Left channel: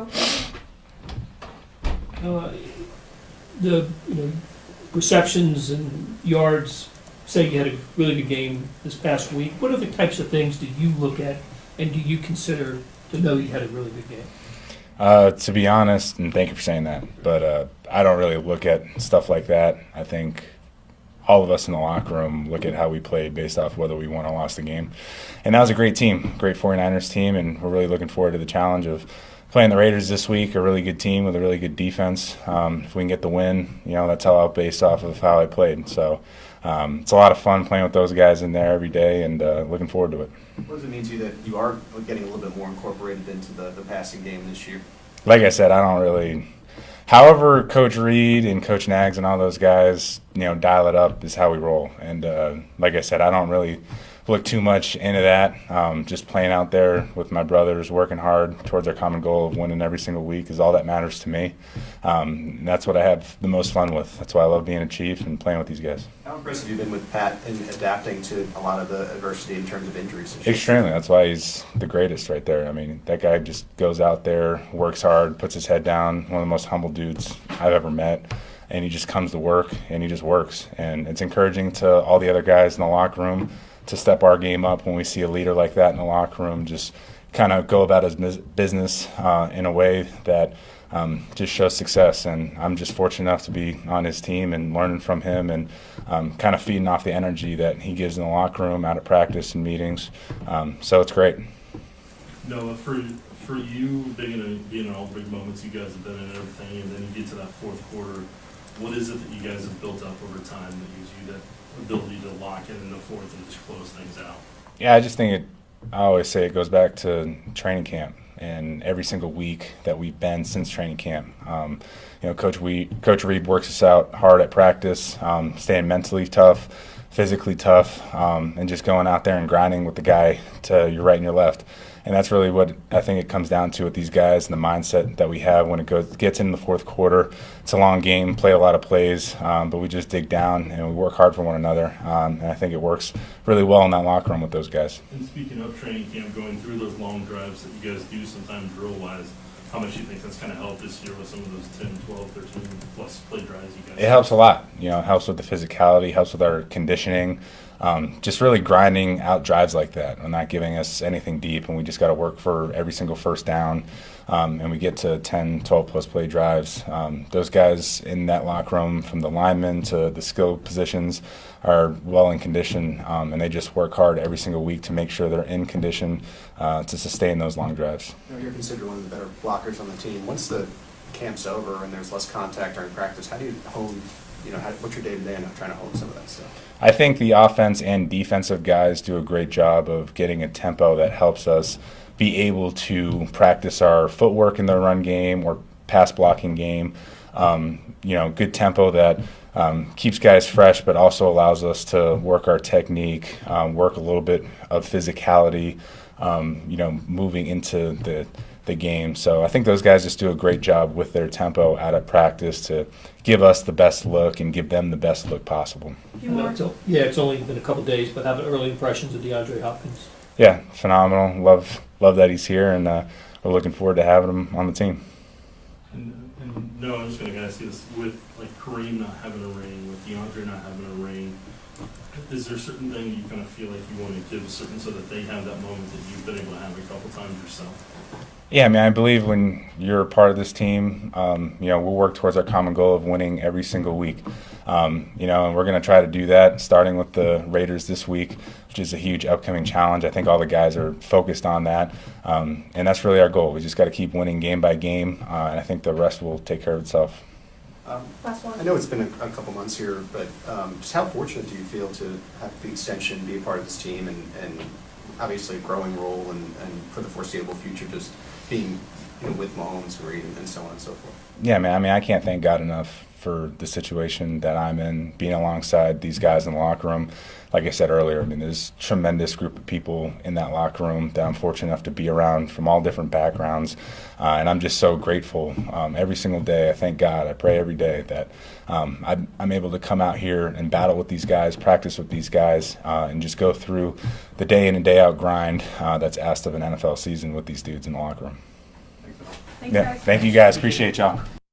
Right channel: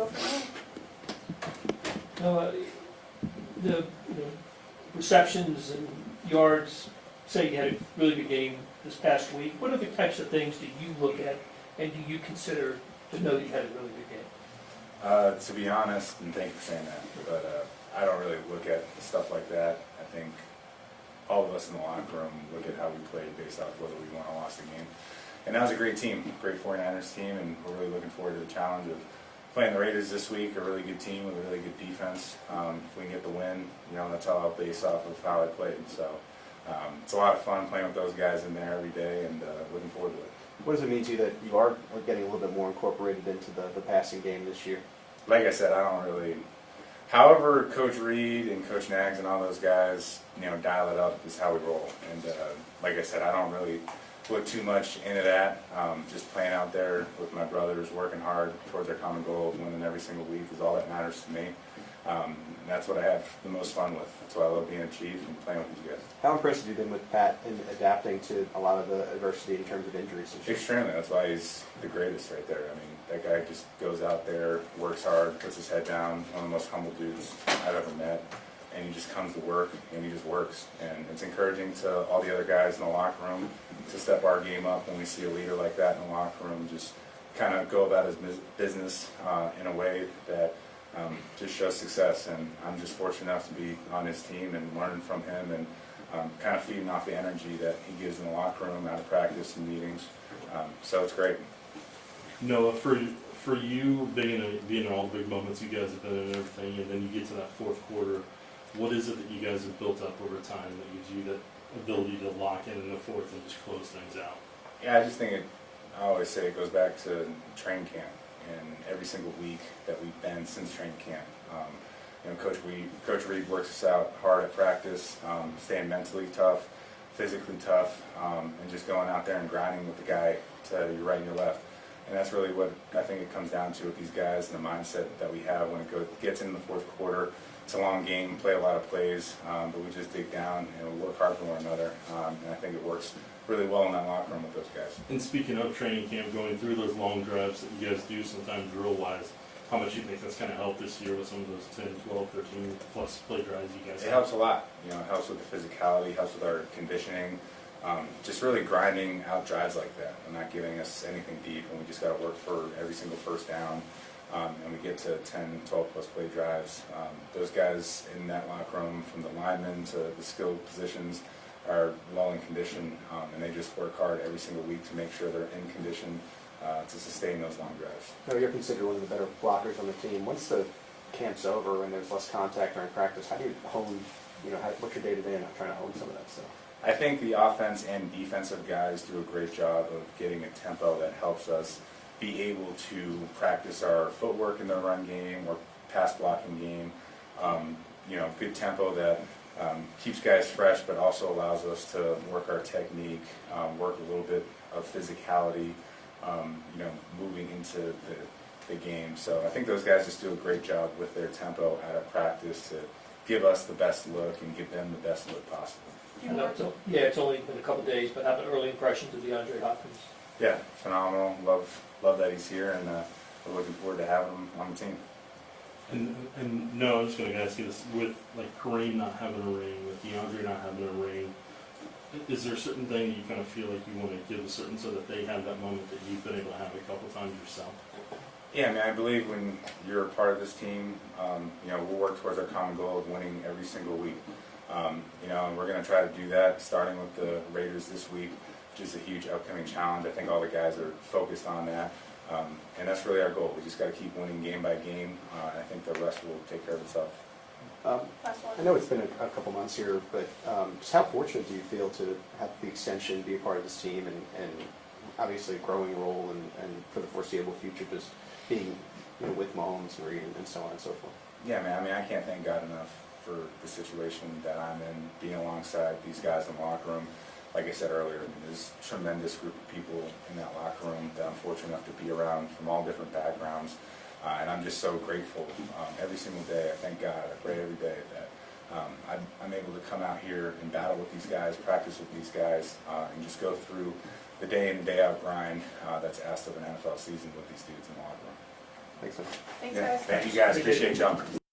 go from The receptions and yards, say you had a really good game this past week, what other types of things do you look at and do you consider to know you had a really good game? To be honest, and thank you for saying that, but I don't really look at stuff like that. I think all of us in the locker room look at how we played based off whether we won or lost the game. And that was a great team, great 49ers team, and we're really looking forward to the challenge of playing the Raiders this week, a really good team with a really good defense. If we can get the win, that's all based off of how I played. So it's a lot of fun playing with those guys in there every day, and looking forward to it. What does it mean to you that you are getting a little bit more incorporated into the passing game this year? Like I said, I don't really. However, Coach Reed and Coach Nags and all those guys, dial it up is how we roll. And like I said, I don't really look too much into that. Just playing out there with my brothers, working hard towards our common goal of winning every single week is all that matters to me. And that's what I have the most fun with. That's why I love being a Chief and playing with these guys. How impressed have you been with Pat in adapting to a lot of the adversity in terms of injuries? Extremely. That's why he's the greatest right there. I mean, that guy just goes out there, works hard, puts his head down, one of the most humble dudes I've ever met. And he just comes to work, and he just works. And it's encouraging to all the other guys in the locker room to step our game up when we see a leader like that in the locker room, just kind of go about his business in a way that just shows success. And I'm just fortunate enough to be on his team and learning from him and kind of feeding off the energy that he gives in the locker room, out at practice and meetings. So it's great. Noah, for you, being in all the big moments you guys have been in and everything, and then you get to that fourth quarter, what is it that you guys have built up over time that gives you that ability to lock in the fourth and just close things out? Yeah, I just think I always say it goes back to training camp and every single week that we've been since training camp. Coach Reed works us out hard at practice, staying mentally tough, physically tough, and just going out there and grinding with the guy to your right and your left. And that's really what I think it comes down to with these guys and the mindset that we have when it gets into the fourth quarter. It's a long game, play a lot of plays, but we just dig down and we work hard for one another. And I think it works really well in that locker room with those guys. And speaking of training camp, going through those long drives that you guys do sometimes drill-wise, how much do you think that's going to help this year with some of those 10, 12, 13 plus play drives you guys It helps a lot. It helps with the physicality, helps with our conditioning. Just really grinding out drives like that and not giving us anything deep, and we just got to work for every single first down, and we get to 10, 12 plus play drives. Those guys in that locker room, from the linemen to the skill positions, are well in condition, and they just work hard every single week to make sure they're in condition to sustain those long drives. You're considered one of the better blockers on the team. Once the camp's over and there's less contact during practice, how do you hone, what's your day-to-day in trying to hone some of that stuff? I think the offense and defensive guys do a great job of getting a tempo that helps us be able to practice our footwork in the run game or pass blocking game. Good tempo that keeps guys fresh, but also allows us to work our technique, work a little bit of physicality, moving into the game. So I think those guys just do a great job with their tempo out of practice to give us the best look and give them the best look possible. It's only been a couple days, but have early impressions of DeAndre Hopkins? Yeah, phenomenal. Love that he's here, and we're looking forward to having him on the team. And no, I'm just going to ask you this: with Kareem not having a ring, with DeAndre not having a ring, is there a certain thing you kind of feel like you want to give certain so that they have that moment that you've been able to have a couple times yourself? Yeah, I believe when you're a part of this team, we'll work towards our common goal of winning every single week. And we're going to try to do that, starting with the Raiders this week, which is a huge upcoming challenge. I think all the guys are focused on that, and that's really our goal. We just got to keep winning game by game, and I think the rest will take care of itself. I know it's been a couple months here, but just how fortunate do you feel to have the extension be a part of this team and obviously a growing role and for the foreseeable future just being with Mahomes, Reed, and so on and so forth? Yeah, man. I can't thank God enough for the situation that I'm in, being alongside these guys in the locker room. Like I said earlier, there's a tremendous group of people in that locker room that I'm fortunate enough to be around from all different backgrounds, and I'm just so grateful every single day. I thank God. I pray every day that I'm able to come out here and battle with these guys, practice with these guys, and just go through the day in and day out grind that's asked of an NFL season with these dudes in the locker room. Thanks so much. Thanks, Yeah, guys. thank you guys. Appreciate y'all.